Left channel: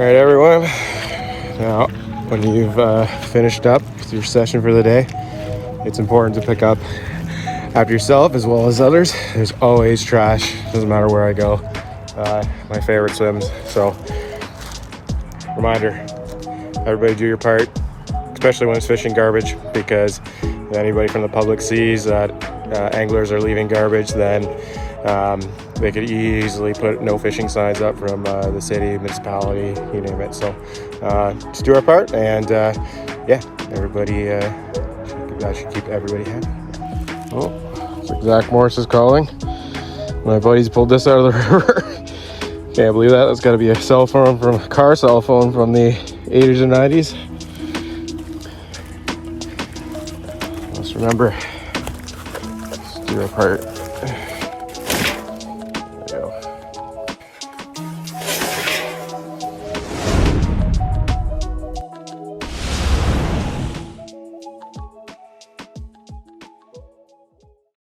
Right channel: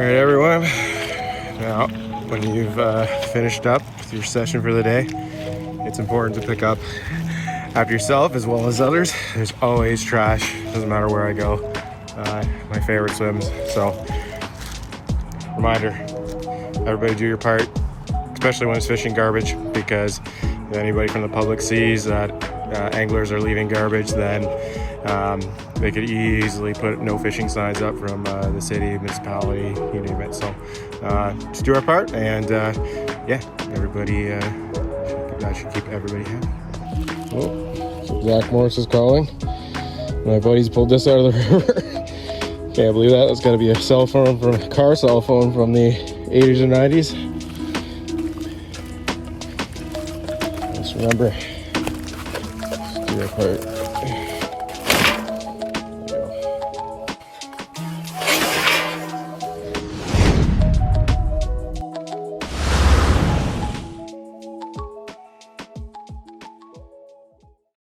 Alright everyone, now when you've finished up your session for the day, it's important to pick up after yourself as well as others. There's always trash, doesn't matter where I go. My favorite swims, so reminder, everybody do your part, especially when it's fishing garbage, because if anybody from the public sees that anglers are leaving garbage, then they could easily put no fishing signs up from the city, municipality, you name it. So just do our part, and yeah, everybody should keep everybody happy. Oh, Zach Morris is calling. My buddies pulled this out of the river. Can't believe that. That's got to be a cell phone from a car cell phone from the 80s and 90s. Just remember, just do our part.